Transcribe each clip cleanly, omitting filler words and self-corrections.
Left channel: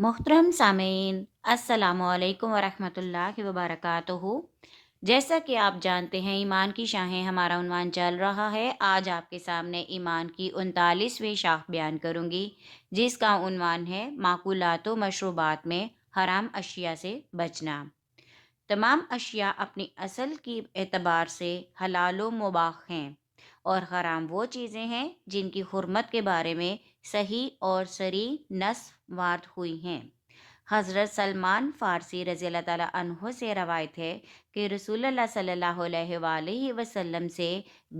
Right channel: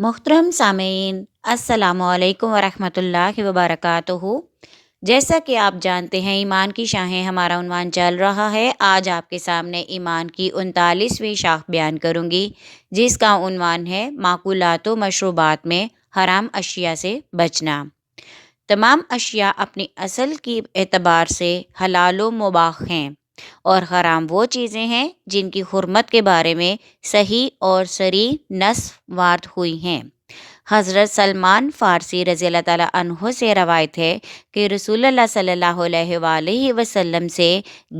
محترم سامعین، السلام علیکم ورحمۃ اللہ وبرکاتہ۔ جیسا کہ آپ جانتے ہیں، ایمان کی شاخیں ہمارا عنوان چل رہا ہے۔ آج آپ کے سامنے ایمان کی 39ویں شاخ بیان کروں گی، جس کا عنوان ہے معقولات و مشروبات میں حرام اشیاء سے بچنا۔ تمام اشیاء اپنی اصل کی اعتبار سے حلال و مباح ہیں، اور حرام وہ چیزیں ہیں جن کی حرمت کے بارے میں صحیح اور صریح نص وارد ہوئی ہیں۔ حضرت سلمان فارسی رضی اللہ تعالیٰ عنہ سے روایت ہے کہ رسول اللہ صلی اللہ علیہ وآلہ وسلم سے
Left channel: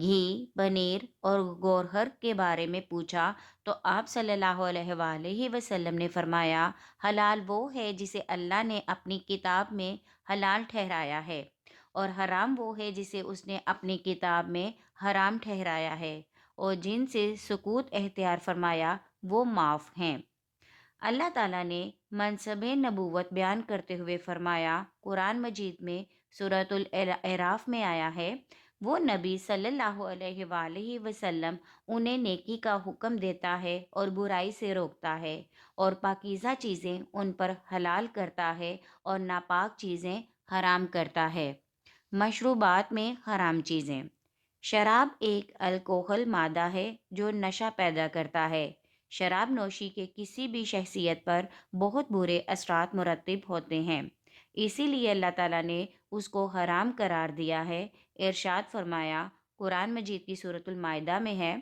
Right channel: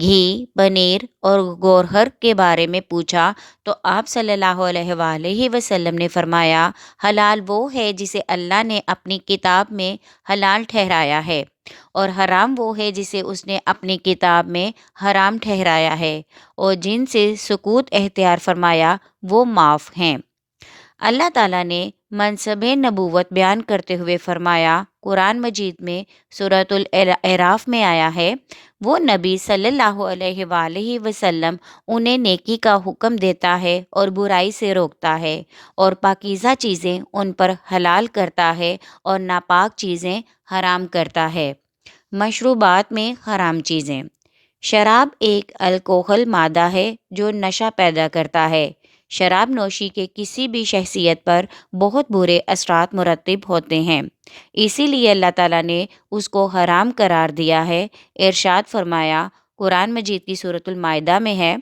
گھی، پنیر اور گوہر کے بارے میں پوچھا تو آپ صلی اللہ علیہ وآلہ وسلم نے فرمایا، حلال وہ ہے جسے اللہ نے اپنی کتاب میں حلال ٹھہرایا ہے، اور حرام وہ ہے جسے اس نے اپنی کتاب میں حرام ٹھہرایا ہے، اور جن سے سکوت اختیار فرمایا وہ معاف ہیں۔ اللہ تعالیٰ نے منصب نبوت بیان کرتے ہوئے فرمایا، قرآن مجید میں سورۃ الاعراف میں آیا ہے، وہ نبی صلی اللہ علیہ وآلہ وسلم انہیں نیکی کا حکم دیتا ہے اور برائی سے روکتا ہے، اور پاکیزہ چیزیں ان پر حلال کرتا ہے اور ناپاک چیزیں حرام کرتا ہے۔ مشروبات میں حرام چیزیں۔ شراب ایک الکوہل مادہ ہے جو نشہ پیدا کرتا ہے۔ شراب نوشی کے کسی بھی شخصیت پر بہت برے اثرات مرتب ہوتے ہیں، اسی لیے اللہ تعالیٰ نے اس کو حرام قرار دیا ہے۔ ارشاد فرمایا، قرآن مجید کی سورۃ المائدہ میں ہے،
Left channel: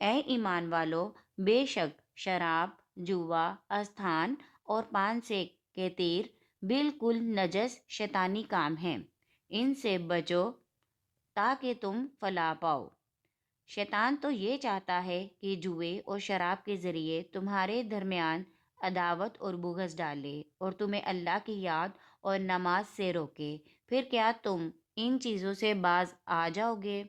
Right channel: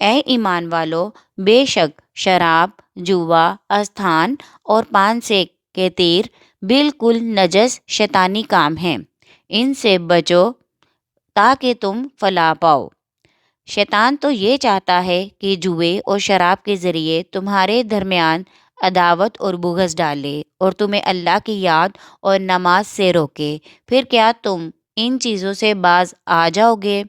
اے ایمان والو، بے شک شراب، جوا، استھان اور پان سے کے تیر بالکل نجس شیطانی کام ہیں، ان سے بچو تاکہ تم فلاح پاؤ۔ شیطان تو یہ چاہتا ہے کہ جوئے اور شراب کے ذریعے تمہارے درمیان عداوت اور بغض ڈالے اور تمہیں اللہ کی یاد اور نماز سے روکے، پھر کیا تم ان چیزوں سے باز آ جاؤ گے؟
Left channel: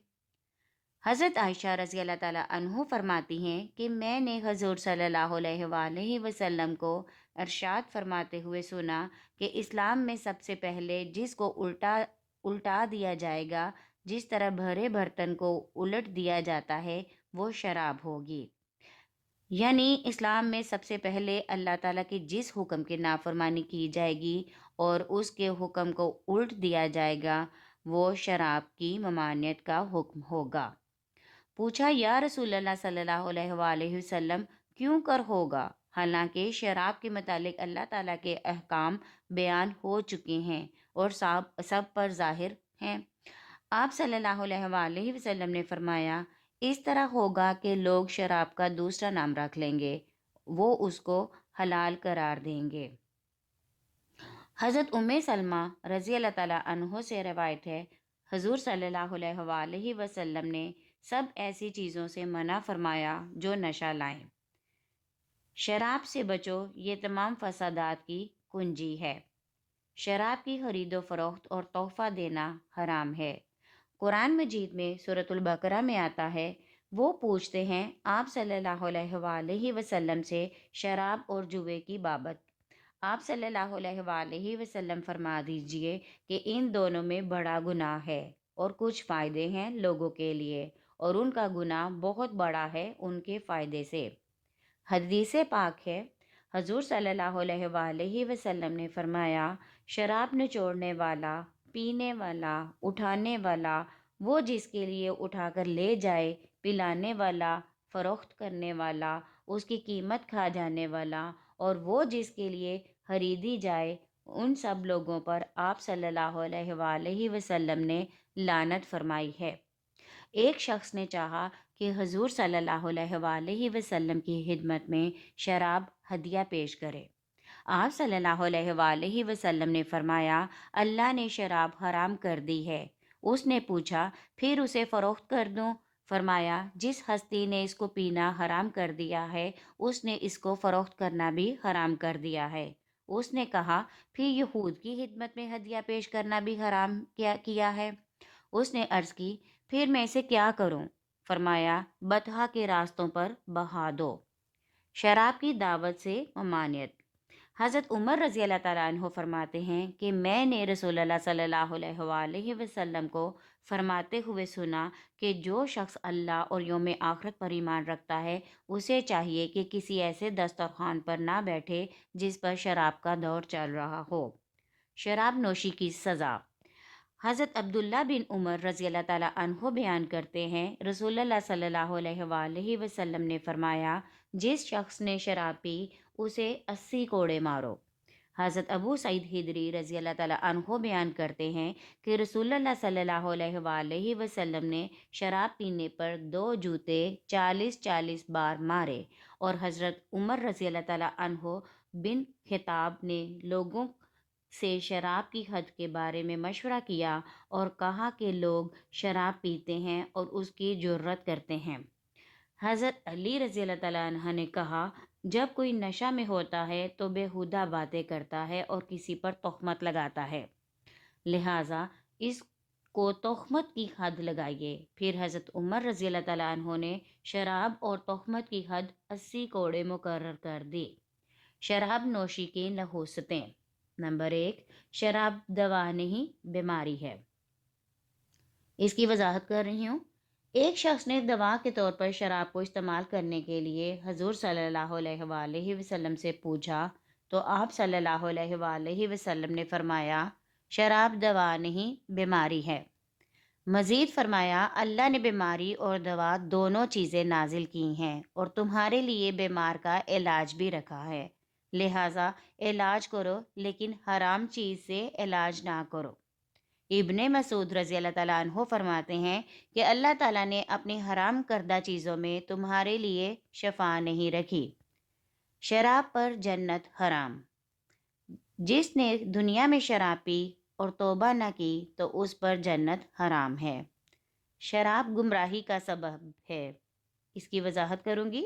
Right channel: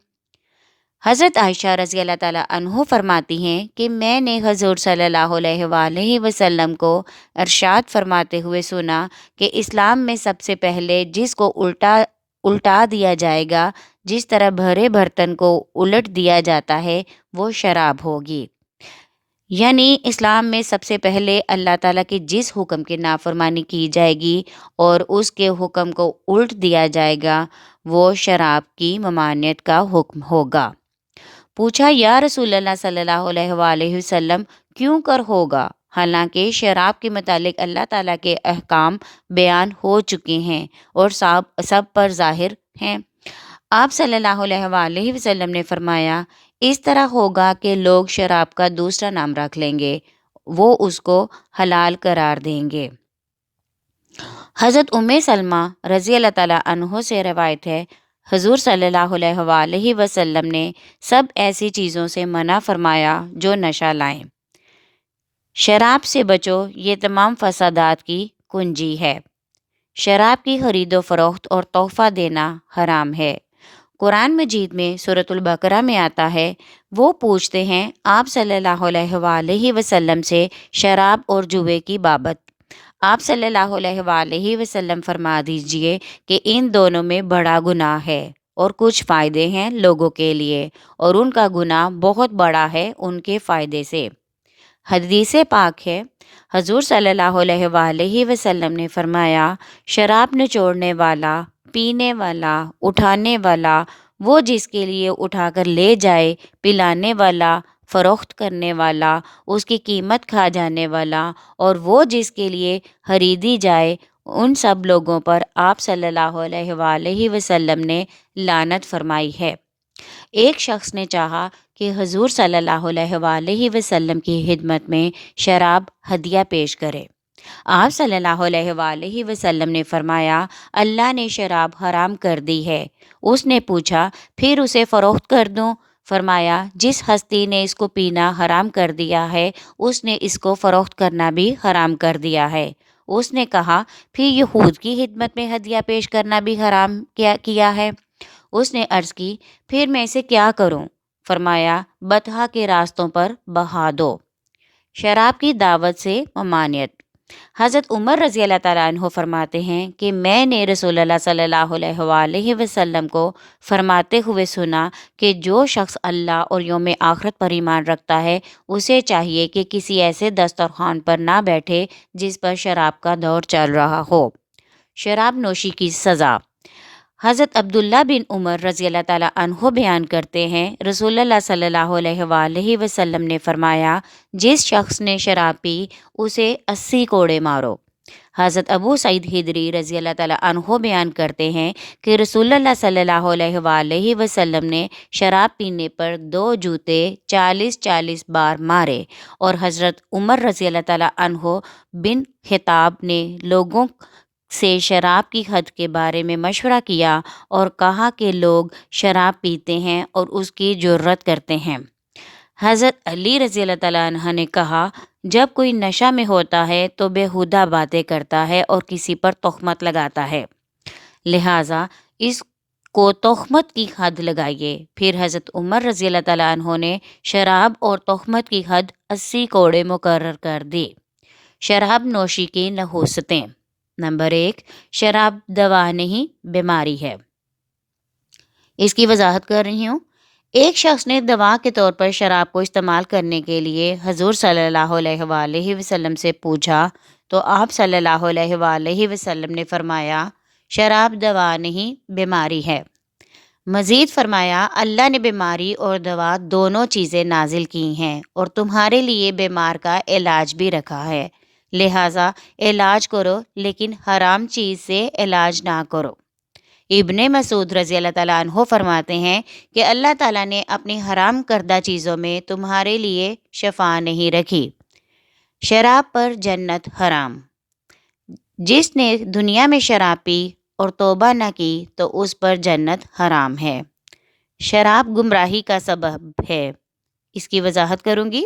حضرت عائشہ رضی اللہ تعالیٰ عنہ فرماتی ہیں کہ میں نے حضور صلی اللہ علیہ وآلہ وسلم کو ارشاد فرماتے ہوئے سنا کہ اسلام میں سب سے پہلے جس کو الٹا دیا جائے گا، جس طرح بھرے برتن کو الٹ دیا جاتا ہے، وہ شراب ہوگی۔ یعنی اسلام میں سب سے پہلے اللہ تعالیٰ کے جس حکم کی نافرمانی کی جائے گی اور اس کے حکم کو الٹ دیا جائے گا، وہ شراب کی ممانعت کا حکم ہوگا۔ پوچھا، یا رسول اللہ صلی اللہ علیہ وآلہ وسلم، کیوں کر ہوگا؟ حالانکہ شراب کے متعلق اللہ تعالیٰ کے احکام بیان ہو چکے ہیں اور سب پر ظاہر ہیں۔ آپ صلی اللہ علیہ وآلہ وسلم نے فرمایا، اس طرح ہوگا کہ لوگ شراب کا دوسرا نام رکھ لیں گے، وہ اس کو حلال قرار دیں گے۔ حضرت سلمہ رضی اللہ تعالیٰ عنہ سے روایت ہے، حضور صلی اللہ علیہ وآلہ وسلم نے سب ایسی چیزوں سے منع فرمایا جو نشہ لائیں۔ شراب سے بچو، یہ تمام فسادات کی کنجی ہے۔ شراب کی خرید و فروخت اور تحفہ دینا حرام ہے۔ قرآن مجید میں سورۃ البقرہ میں آتا ہے، وہ پوچھتے ہیں آپ صلی اللہ علیہ وآلہ وسلم سے شراب اور جوے کی بابت۔ آپ صلی اللہ علیہ وآلہ وسلم فرما دیجئے کہ ان دونوں میں بڑا گناہ ہے، اور کچھ فائدے ہیں لوگوں کے لیے، اور ان کا گناہ بہت بڑا ہے ان کے فائدے سے۔ حدیث پاک ہے، حضور صلی اللہ علیہ وآلہ وسلم نے فرمایا، شراب نچوڑنے والا، پینے والا، اٹھانے والا، وہ جس کے لیے اٹھا کر لے جائے، پلانے والا، فروخت کرنے والا، اس کی قیمت کھا جانے والا، اور وہ جس کے لیے خریدی جائے، ان سب لوگوں پر آپ صلی اللہ علیہ وآلہ وسلم نے لعنت فرمائی ہے۔ ایک شخص نے چاہا کہ حضور صلی اللہ علیہ وآلہ وسلم کی خدمت میں شراب ہدیہ پیش کرے۔ آپ صلی اللہ علیہ وآلہ وسلم نے فرمایا، اللہ نے شراب حرام کر دی ہے۔ اس نے پوچھا، پھر اسے فروخت کر دوں؟ فرمایا، جس ہستی نے اس کو پینا حرام کر دیا ہے، اس نے اس کو فروخت کرنا بھی حرام کر دیا ہے۔ اس نے کہا، پھر یہود کی خدمت میں ہدیہ پیش کرنا بھی حرام کیا ہے۔ اس نے عرض کی، پھر میں اسے کیا کروں؟ فرمایا، بطحا کے راستوں پر بہا دو۔ شراب کی دعوت سے ممانعت۔ حضرت عمر رضی اللہ تعالیٰ عنہ فرماتے ہیں کہ میں نے رسول اللہ صلی اللہ علیہ وآلہ وسلم کو فرماتے ہوئے سنا کہ جو شخص اللہ اور یوم آخرت پر ایمان رکھتا ہے اسے چاہیے کہ کسی ایسے دسترخوان پر نہ بیٹھے جس پر شراب کا دور چل رہا ہو۔ شراب نوشی کی سزا۔ حضرت عبداللہ بن عمر رضی اللہ تعالیٰ عنہ بیان کرتے ہیں رسول اللہ صلی اللہ علیہ وآلہ وسلم نے فرمایا جس شخص نے شراب پی اسے 80 کوڑے مارو۔ حضرت ابو سعید خدری رضی اللہ تعالیٰ عنہ بیان کرتے ہیں کہ رسول اللہ صلی اللہ علیہ وآلہ وسلم نے شراب پینے پر 2 جوتے 40 بار مارے، اور حضرت عمر رضی اللہ تعالیٰ عنہ بن خطاب نے لوگوں سے شراب کی حد کے بارے میں مشورہ کیا اور کہا کہ لوگ شراب پیتے ہیں اور اس کی جرت کرتے ہیں۔ حضرت علی رضی اللہ تعالیٰ عنہ نے کہا جب کوئی نشہ میں ہوتا ہے تو بیہودہ باتیں کرتا ہے اور کسی پر تہمت لگاتا ہے، لہٰذا اس کو تہمت کی حد لگائیے۔ پھر حضرت عمر رضی اللہ تعالیٰ عنہ نے شراب اور تہمت کی حد 80 کوڑے مقرر کر دی۔ شراب نوشی کی نحوستیں۔ نمبر 1، شراب دوا نہیں بیماری ہے۔ اس کی وضاحت کر رہی ہوں۔ ایک شخص نے دوا کے طور پر شراب کو استعمال کرنے کے لیے حضور صلی اللہ علیہ وآلہ وسلم سے پوچھا تو آپ صلی اللہ علیہ وآلہ وسلم نے فرمایا شراب دوا نہیں بیماری ہے۔ مزید فرمایا اللہ نے بیماری اور دوا دونوں چیزیں نازل کی ہیں اور تمہارے لیے بیمار کا علاج بھی رکھا ہے، لہٰذا علاج کرو لیکن حرام چیز سے علاج نہ کرو۔ ابن مسعود رضی اللہ تعالیٰ عنہ فرماتے ہیں کہ اللہ تعالیٰ نے اپنی حرام کردہ چیزوں میں تمہارے لیے شفا نہیں رکھی۔ شراب پر جنت حرام۔ جس نے دنیا میں شراب پی اور توبہ نہ کی تو اس پر جنت حرام ہے۔ شراب گمراہی کا سبب ہے۔ اس کی وضاحت کروں گی۔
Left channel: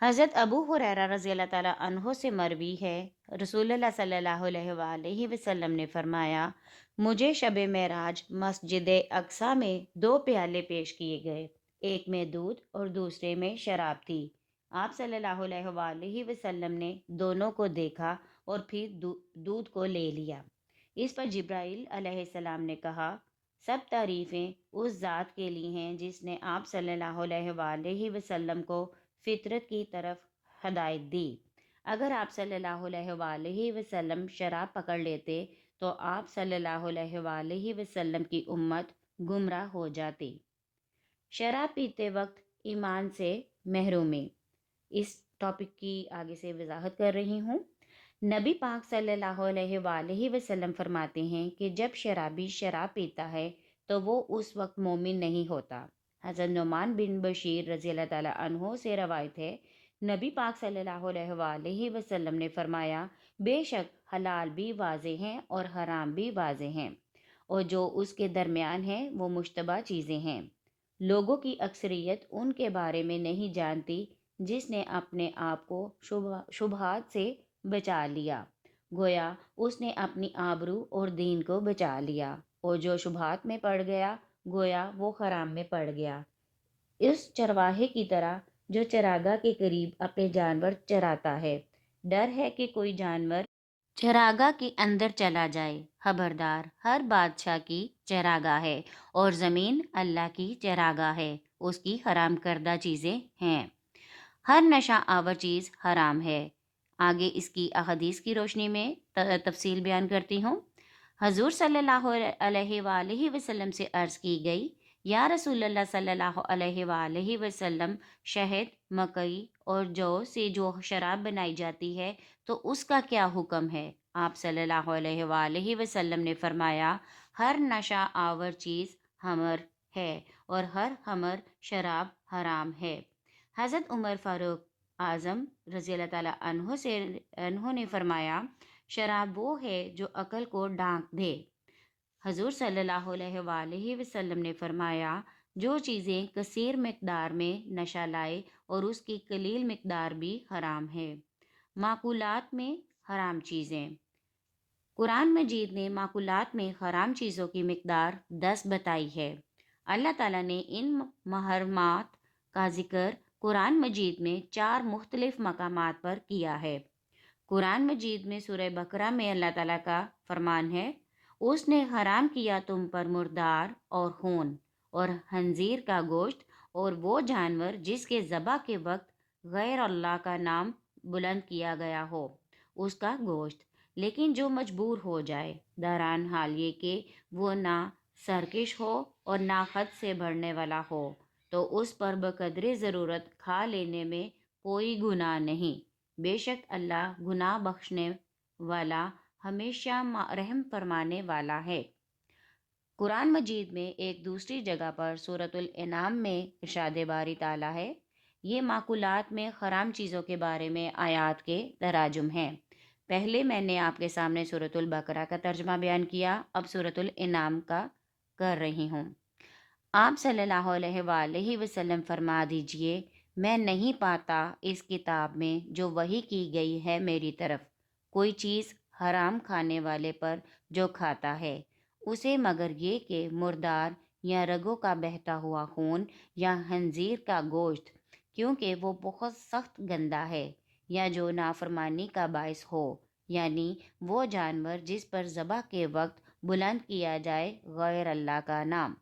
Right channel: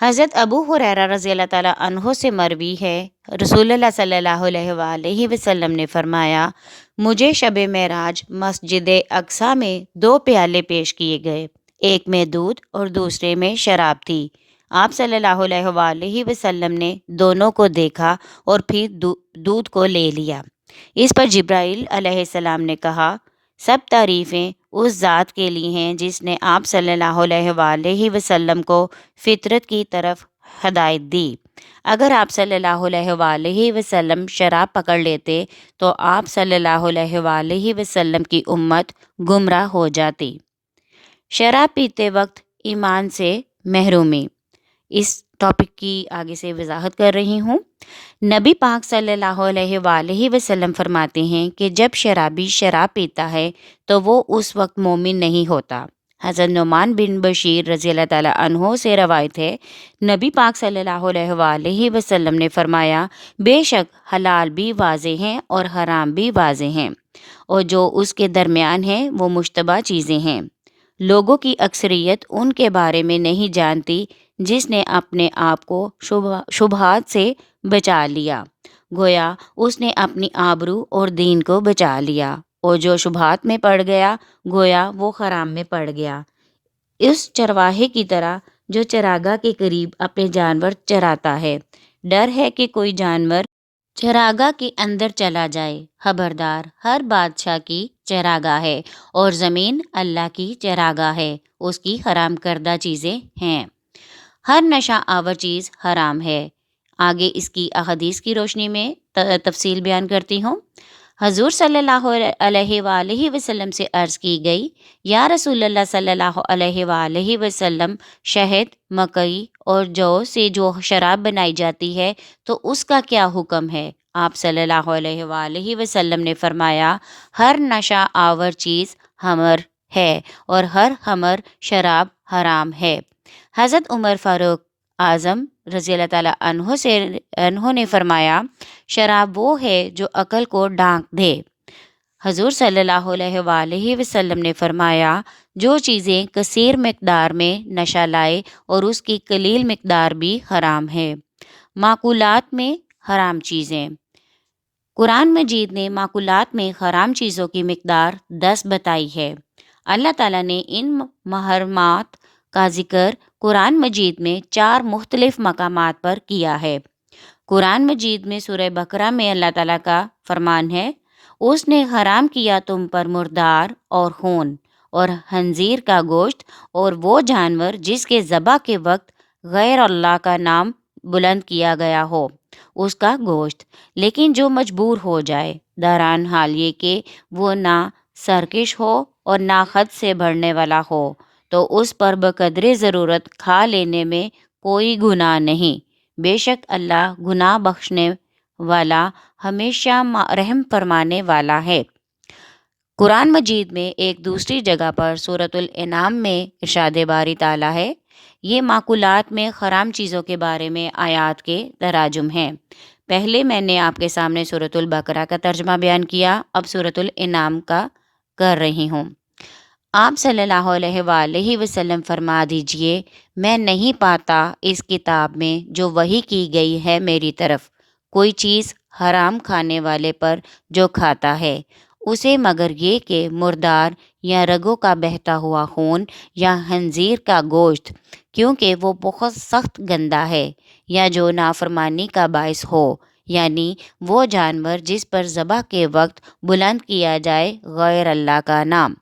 حضرت ابو ہریرہ رضی اللہ تعالیٰ عنہ سے مروی ہے رسول اللہ صلی اللہ علیہ وآلہ وسلم نے فرمایا مجھے شب معراج مسجد اقصیٰ میں 2 پیالے پیش کیے گئے، ایک میں دودھ اور دوسرے میں شراب تھی۔ آپ صلی اللہ علیہ وآلہ وسلم نے دونوں کو دیکھا اور پھر دودھ کو لے لیا۔ اس پر جبرائیل علیہ السلام نے کہا سب تعریفیں اس ذات کے لیے ہیں جس نے آپ صلی اللہ علیہ وآلہ وسلم کو فطرت کی طرف ہدایت دی۔ اگر آپ صلی اللہ علیہ وآلہ وسلم شراب پکڑ لیتے تو آپ صلی اللہ علیہ وآلہ وسلم کی امت گمراہ ہو جاتی۔ شراب پیتے وقت ایمان سے محرومی۔ اس ٹاپک کی آگے سے وضاحت کر رہی ہوں۔ نبی پاک صلی اللہ علیہ وآلہ وسلم فرماتے ہیں کہ جب شرابی شراب پیتا ہے تو وہ اس وقت مومن نہیں ہوتا۔ حضرت نعمان بن بشیر رضی اللہ تعالیٰ عنہ سے روایت ہے نبی پاک صلی اللہ علیہ وآلہ وسلم نے فرمایا بے شک حلال بھی واضح ہیں اور حرام بھی واضح ہیں، اور جو اس کے درمیان ہیں وہ مشتبہ چیزیں ہیں۔ لوگوں کی اکثریت ان کے بارے میں نہیں جانتی۔ جس نے اپنے آپ کو شبہات سے بچا لیا گویا اس نے اپنی آبرو اور دین کو بچا لیا، اور جو شبہات میں پڑ گیا گویا وہ حرام میں پڑ گیا۔ اس چرواہے کی طرح جو چراگاہ کے قریب اپنے جانور چراتا ہے، ڈر ہے کہ کوئی جانور چراگاہ کے اندر چلا جائے۔ خبردار، ہر بادشاہ کی چراگاہ ہے اور زمین اللہ کی چراگاہ ہے، اس کی حرام کردہ چیزیں ہیں۔ ہر نشہ آور چیز حرام ہے۔ آگے اس کی احادیث کی روشنی میں تفصیل بیان کرتی ہوں۔ حضور صلی اللہ علیہ وآلہ وسلم سے عرض کی گئی یا رسول اللہ صلی اللہ علیہ وآلہ وسلم شہد، مکئی اور جو سے جو شراب بنائی جاتی ہے تو اس کا کیا حکم ہے؟ آپ صلی اللہ علیہ وآلہ وسلم نے فرمایا ہر نشہ آور چیز خمر ہے اور ہر خمر شراب حرام ہے۔ حضرت عمر فاروق اعظم رضی اللہ تعالیٰ عنہ نے فرمایا شراب وہ ہے جو عقل کو ڈھانک دے۔ حضور صلی اللہ علیہ وآلہ وسلم نے فرمایا جو چیزیں کثیر مقدار میں نشہ لائے اور اس کی قلیل مقدار بھی حرام ہے۔ معقولات میں حرام چیزیں۔ قرآن مجید نے معقولات میں حرام چیزوں کی مقدار 10 بتائی ہے۔ اللہ تعالیٰ نے ان محرمات کا ذکر قرآن مجید میں 4 مختلف مقامات پر کیا ہے۔ قرآن مجید میں سورہ بقرہ میں اللہ تعالیٰ کا فرمان ہے، اس نے حرام کیا تم پر مردار اور خون اور خنزیر کا گوشت اور وہ جانور جس کے ذبح کے وقت غیر اللہ کا نام بلند کیا گیا ہو اس کا گوشت، لیکن جو مجبور ہو جائے، دران حال یہ کہ وہ نہ سرکش ہو اور نہ خود سے بڑھنے والا ہو، تو اس پر بقدر ضرورت کھا لینے میں کوئی گناہ نہیں۔ بے شک اللہ گناہ بخشنے والا، ہمیشہ رحم فرمانے والا ہے۔ قرآن مجید میں ایک دوسری جگہ پر سورۃ الانعام میں ارشاد باری تعالیٰ ہے، یہ معقولات میں حرام چیزوں کے بارے میں آیات کے تراجم ہیں۔ پہلے میں نے آپ کے سامنے سورۃ البقرہ کا ترجمہ بیان کیا، اب سورۃ الانعام کا کر رہی ہوں۔ آپ صلی اللہ علیہ وآلہ وسلم فرما دیجئے، میں نہیں پاتا اس کتاب میں جو وحی کی گئی ہے میری طرف، کوئی چیز حرام کھانے والے پر جو کھاتا ہے اسے مگر یہ کہ مردار یا رگوں کا بہتا ہوا خون یا خنزیر کا گوشت، کیونکہ وہ بہت سخت گندا ہے، یا جو نافرمانی کا باعث ہو، یعنی وہ جانور جس پر ذبح کے وقت بلند کیا جائے غیر اللہ کا نام۔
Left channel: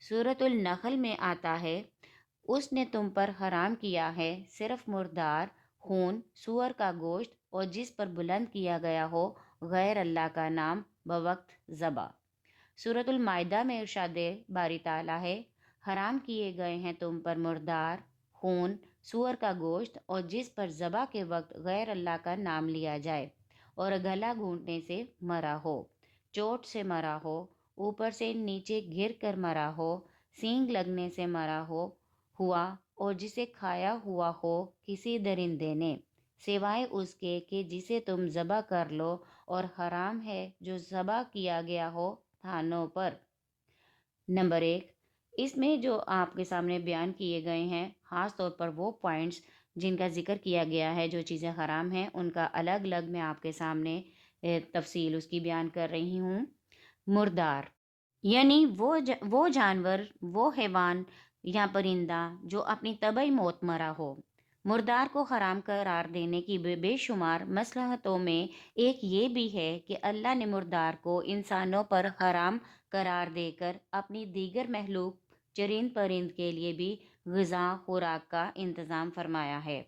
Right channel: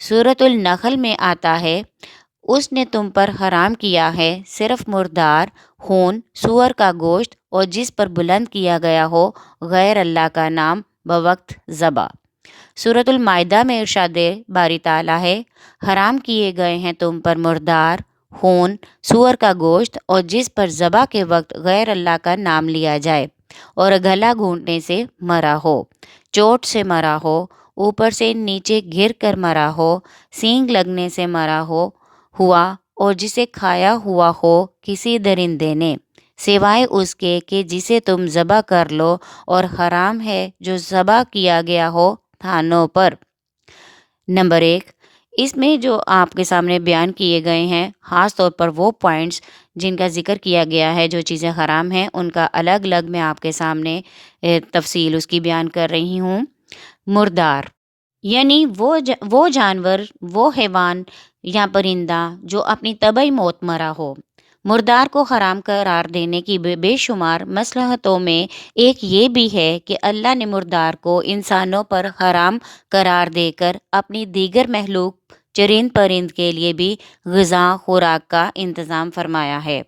سورۃ النحل میں آتا ہے، اس نے تم پر حرام کیا ہے صرف مردار خون، سور کا گوشت اور جس پر بلند کیا گیا ہو غیر اللہ کا نام بوقت ذبح۔ سورۃ المائدہ میں ارشاد باری تعالیٰ ہے، حرام کیے گئے ہیں تم پر مردار خون، سور کا گوشت اور جس پر ذبح کے وقت غیر اللہ کا نام لیا جائے اور گلا گھونٹنے سے مرا ہو، چوٹ سے مرا ہو، اوپر سے نیچے گر کر مرا ہو، سینگ لگنے سے مرا ہوا اور جسے کھایا ہوا ہو کسی درندے نے، سوائے اس کے کہ جسے تم ذبح کر لو، اور حرام ہے جو ذبح کیا گیا ہو تھانوں پر۔ نمبر 1، اس میں جو آپ کے سامنے بیان کیے گئے ہیں، خاص طور پر وہ پوائنٹس جن کا ذکر کیا گیا ہے، جو چیزیں حرام ہیں ان کا الگ الگ میں آپ کے سامنے تفصیل اس کی بیان کر رہی ہوں۔ مردار یعنی وہ جانور، وہ حیوان یا پرندہ جو اپنی طبعی موت مرا ہو۔ مردار کو حرام قرار دینے کی بے شمار مصلحتوں میں ایک یہ بھی ہے کہ اللہ نے مردار کو انسانوں پر حرام قرار دے کر اپنی دیگر مخلوق چرند پرند کے لیے بھی غذا خوراک کا انتظام فرمایا ہے۔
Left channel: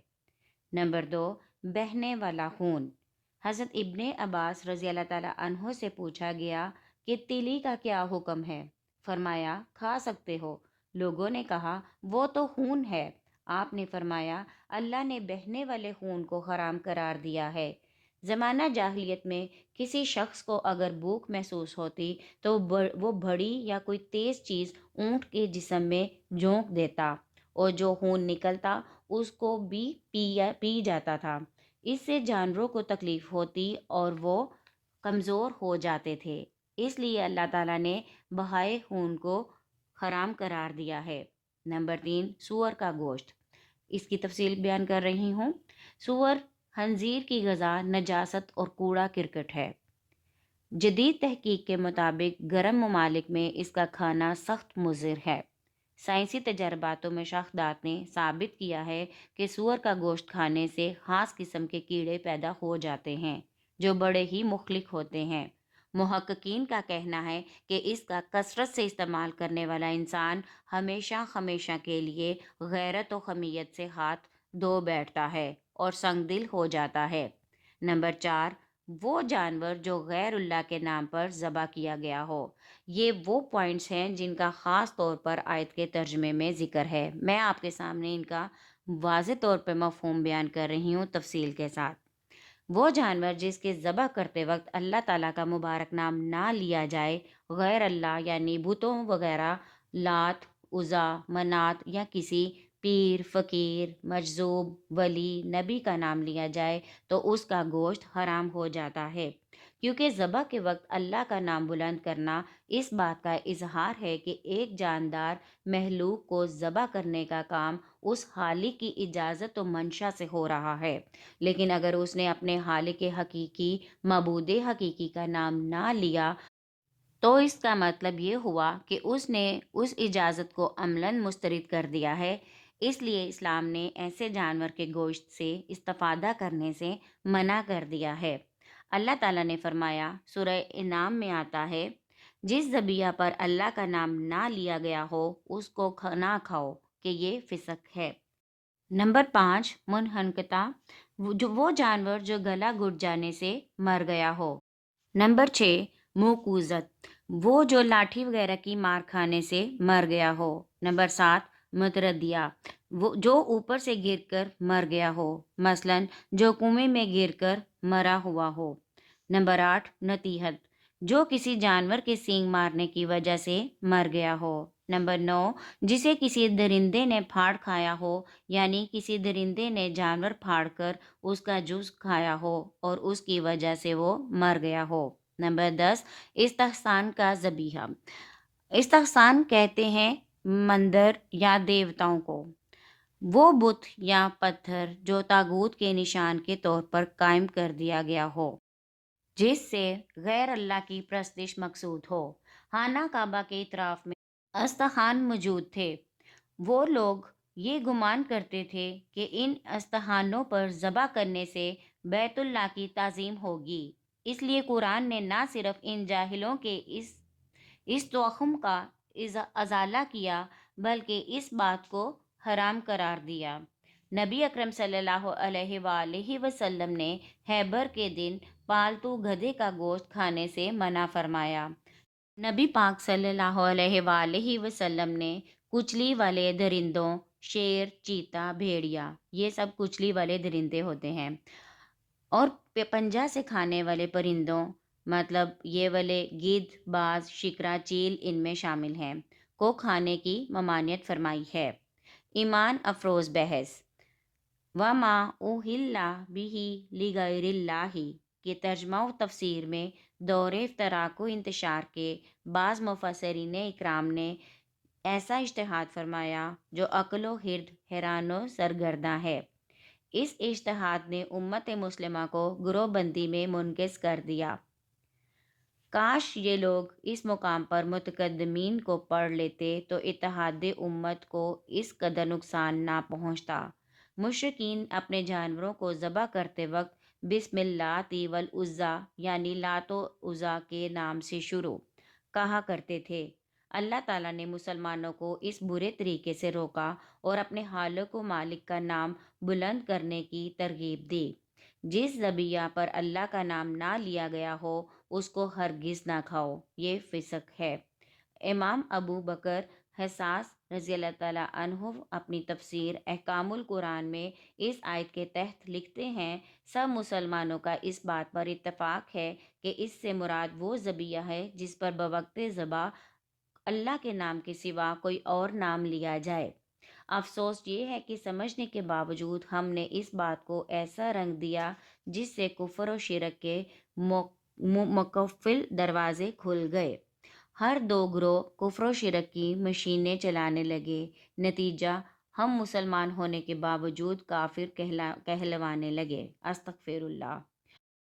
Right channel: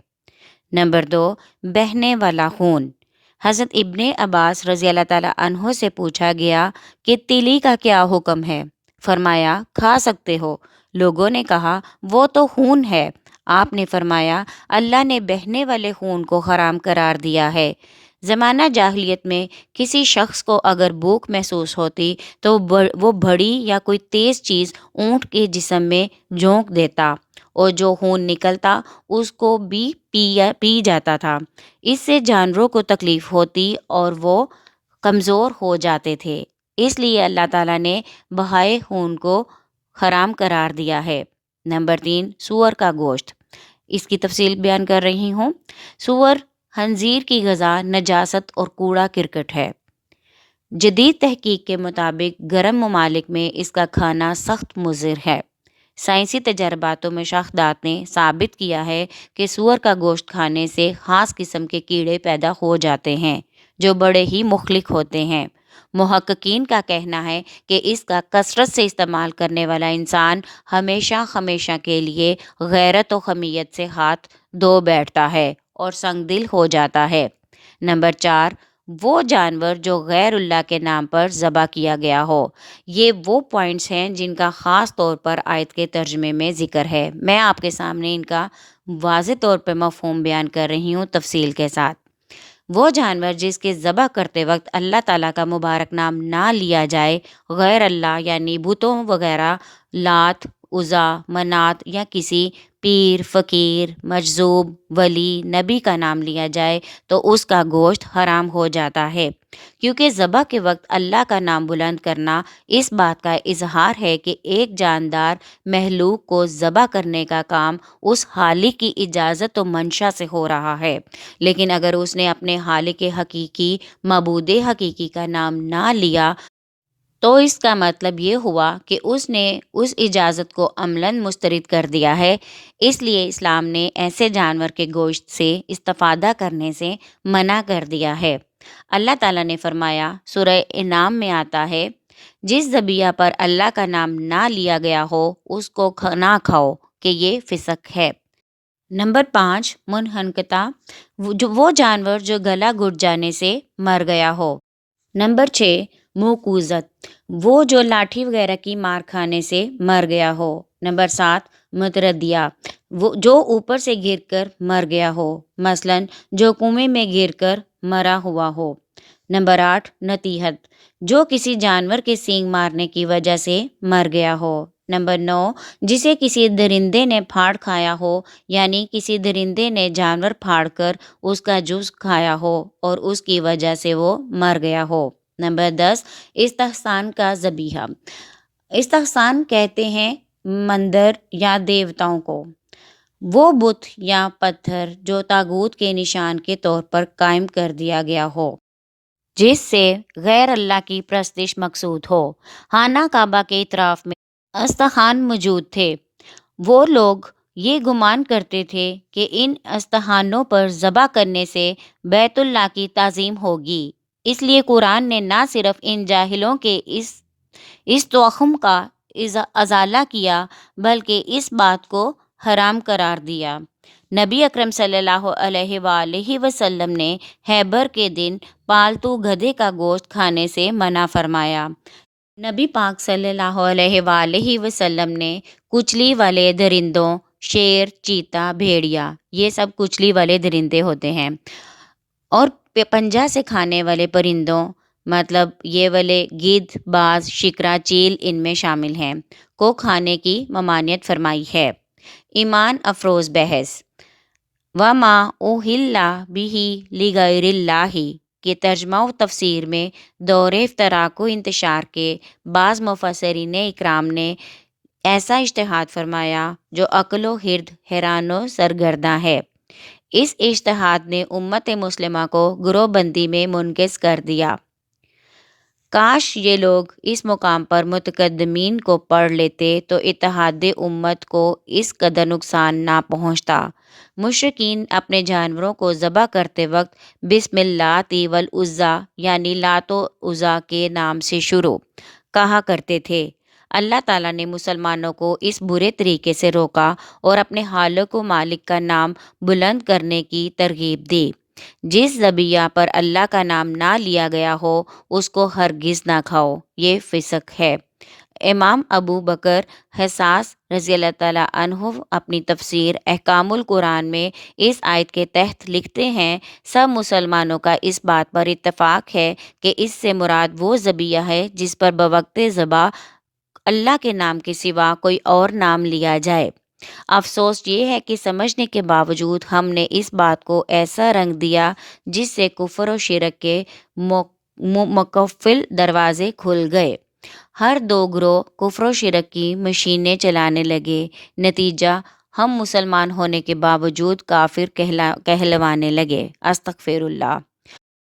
نمبر 2، بہنے والا خون۔ حضرت ابن عباس رضی اللہ تعالیٰ عنہ سے پوچھا گیا کہ تیلی کا کیا حکم ہے؟ فرمایا کھا سکتے ہو۔ لوگوں نے کہا وہ تو خون ہے۔ آپ نے فرمایا اللہ نے بہنے والے خون کو حرام قرار دیا ہے۔ زمانہ جاہلیت میں کسی شخص کو اگر بھوک محسوس ہوتی تو وہ بڑی یا کوئی تیز چیز اونٹ کے جسم میں جھونک دیتا اور جو خون نکلتا اس کو بھی پی جاتا تھا۔ اس سے جانوروں کو تکلیف ہوتی اور وہ کمزور ہو جاتے تھے، اس لیے اللہ تعالیٰ نے بہائے خون کو حرام قرار دیا ہے۔ نمبر 3، سور کا گوشت۔ اس کی تفصیل بیان کر رہی ہوں۔ سور خنزیر کی غذا نجاست اور کوڑا کرکٹ ہے۔ جدید تحقیق کے مطابق گرم ممالک میں اس کا کھانا سخت مضر ہے۔ سائنسی تجرباتوں میں شاہدات نے ثابت کیا ہے کہ سور کا گوشت کھانے سے خاص قسم کے کیڑے پیدا ہو جاتے ہیں جو بڑے ہی مہلک ہوتے ہیں۔ محققین کا کہنا ہے کہ اس کا کثرت سے استعمال کرنے والا انسان ہمیشہ کے لیے غیرت و حمیت سے ہاتھ دھو بیٹھتا ہے اور سنگ دل ہو جاتا ہے۔ نمبر 4، وہ جانور جو غیر اللہ کے نام پر ذبح کیا گیا ہو۔ یہ وہ پوائنٹس ہیں جن کا خاص طور پر آیت کے ترجمے میں ذکر ہے۔ میں آپ کے سامنے ان کا واضح طور پر مفہوم بیان کر رہی ہوں تفصیل کے ساتھ۔ وہ جانور جس کے ذبح کرتے وقت اللہ تعالیٰ کا مبارک نام نہ لیا جائے، غیر اللہ یعنی بتوں وغیرہ، لات، عزا، منات یا کسی پیر، فقیر، مجذوب، ولی، نبی کا نام لیا جائے تو اس کا گوشت حرام ہو جاتا ہے، کیونکہ ذبح کے وقت اللہ کا نام بلند کرنا اس بات کا اظہار ہے کہ ایک جاندار مخلوق کو ذبح کرنے کا کام اس خالق کی اجازت و منشا سے ہو رہا ہے، لیکن اگر اس نے اپنے خالق حقیقی، معبود حقیقی کا نام نہ لیا تو اس کا مطلب یہ ہوا کہ اس نے اس اجازت کو عملاً مسترد کر دیا ہے۔ اس لیے اسلام نے ایسے جانور کے گوشت سے استفادہ کرنے سے منع کر دیا ہے۔ اللہ تعالیٰ نے فرمایا، سورہ انعام میں آتا ہے، جس ذبیحہ پر اللہ کا نام نہ لیا گیا ہو اس کو نہ کھاؤ کہ یہ فسق ہے۔ نمبر 5، منحنکتا، وہ جانور جو گلا گھٹ جانے سے مر گیا ہو۔ نمبر 6، موقوذت، وہ جو لاٹھی وغیرہ کی مار کھانے سے مر گیا ہو۔ نمبر 7، متردیہ، وہ جو اوپر سے گر کر مر گیا ہو، مثلاً جو کنویں میں گر کر مرا ہوا ہو۔ نمبر 8، نطیحت، جو کسی جانور کے سینگ مارنے کی وجہ سے مر گیا ہو۔ نمبر 9، جسے کسی درندے نے پھاڑ کھایا ہو، یعنی کسی درندے نے جانور پھاڑ کر اس کا جزو کھایا ہو اور اس کی وجہ سے وہ مر گیا ہو۔ نمبر 10، استحسان کا ذبیحہ، استحسان کہتے ہیں مندر یا دیوتاؤں کو، وہ بت یا پتھر جو طاغوت کے نشان کے طور پر قائم کر دیا گیا ہو، جس سے غیر اللہ کی پرستش مقصود ہو۔ خانہ کعبہ کے اطراف میں استحان موجود تھے۔ وہ لوگ یہ گمان کرتے تھے کہ ان استحانوں پر ذبح کرنے سے بیت اللہ کی تعظیم ہوگی، اس لیے قرآن نے نہ صرف ان جاہلوں کے اس توہم کا ازالہ کیا بلکہ اس بات کو حرام قرار دیا۔ نبی اکرم صلی اللہ علیہ وآلہ وسلم نے خیبر کے دن پالتو گدھے کا گوشت کھانے سے منع فرمایا۔ نبی پاک صلی اللہ علیہ وآلہ وسلم نے کچلی والے درندوں، شیر، چیتا، بھیڑیا، یہ سب کچلی والے درندے ہوتے ہیں، اور پنجہ سے کھانے والے پرندوں، مطلب یہ والے گدھ، باز، شکرا، چیل ان میں شامل ہیں، کو کھانے کی ممانعت فرمائی ہے۔ ایمان افروز بحث، وَمَا أُحِلَّ بِهِ لِغَيْرِ اللَّهِ کے ترجمہ و تفسیر میں دور افتراق و انتشار کے بعض مفسرین اکرام نے ایسا اجتہاد فرمایا جو عقل و خرد حیران و سرگرداں ہے۔ اس اجتہاد نے امت مسلمہ کو گروہ بندی میں منقسم کر دیا۔ کاش یہ لوگ اس مقام پر متقدمین کو پڑھ لیتے تو اتحاد امت کو اس قدر نقصان نہ پہنچتا۔ مشرکین اپنے جانوروں کو ذبح کرتے وقت بسم اللہ والعزیٰ یعنی لات و عزیٰ کے نام سے شروع کہا کرتے تھے۔ اللہ تعالیٰ نے مسلمانوں کو اس برے طریقے سے روکا اور اپنے خالق و مالک کا نام بلند کرنے کی ترغیب دی۔ جس ذبیحہ پر اللہ کا نام نہ لیا گیا ہو اس کو ہرگز نہ کھاؤ، یہ فسق ہے۔ امام ابو بکر حساس رضی اللہ تعالیٰ عنہ اپنی تفسیر احکام القرآن میں اس آیت کے تحت لکھتے ہیں، سب مسلمانوں کا اس بات پر اتفاق ہے کہ اس سے مراد وہ ذبیحہ ہے جس پر بوقت ذبح اللہ کے نام کے سوا کوئی اور نام لیا جائے۔ افسوس یہ ہے کہ سمجھنے کے باوجود ہم نے اس بات کو ایسا رنگ دیا جس سے کفر و شرک کے مقفل دروازے کھل گئے۔ ہر دو گروہ کفر و شرک کی مشینیں چلانے لگے، نتیجہ ہم مسلمان ہونے کے باوجود کافر کہلوانے لگے۔ استغفر اللہ۔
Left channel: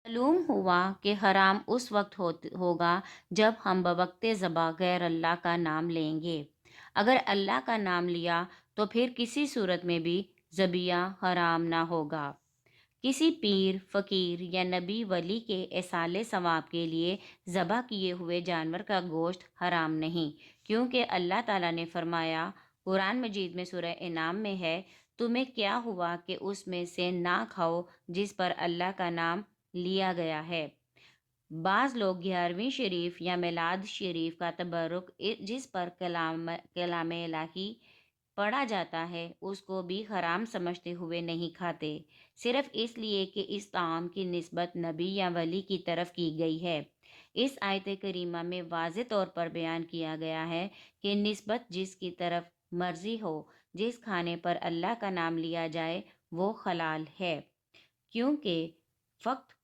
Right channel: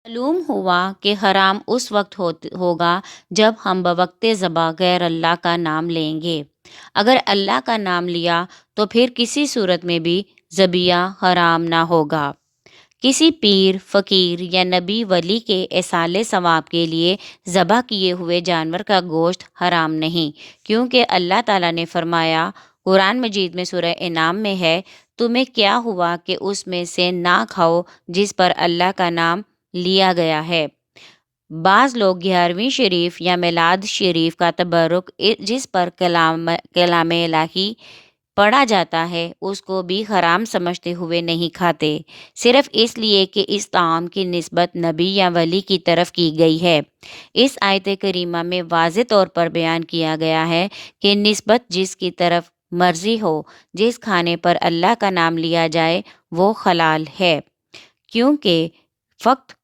معلوم ہوا کہ حرام اس وقت ہوگا جب ہم بوقت ذبح غیر اللہ کا نام لیں گے۔ اگر اللہ کا نام لیا تو پھر کسی صورت میں بھی ذبیحہ حرام نہ ہوگا۔ کسی پیر، فقیر یا نبی ولی کے ایصال ثواب کے لیے ذبح کیے ہوئے جانور کا گوشت حرام نہیں، کیونکہ اللہ تعالیٰ نے فرمایا قرآن مجید میں سورہ انعام میں ہے، تمہیں کیا ہوا کہ اس میں سے نہ کھاؤ جس پر اللہ کا نام لیا گیا ہے۔ بعض لوگ 11ویں شریف یا میلاد شریف کا تبرک جس پر کلام الہی پڑھا جاتا ہے اس کو بھی حرام سمجھتے ہوئے نہیں کھاتے، صرف اس لیے کہ اس طعام کی نسبت نبی یا ولی کی طرف کی گئی ہے۔ اس آیت کریمہ میں واضح طور پر بیان کیا گیا ہے کہ نسبت جس کی طرف مرضی ہو، جس کھانے پر اللہ کا نام لیا جائے وہ حلال ہے، کیونکہ فقط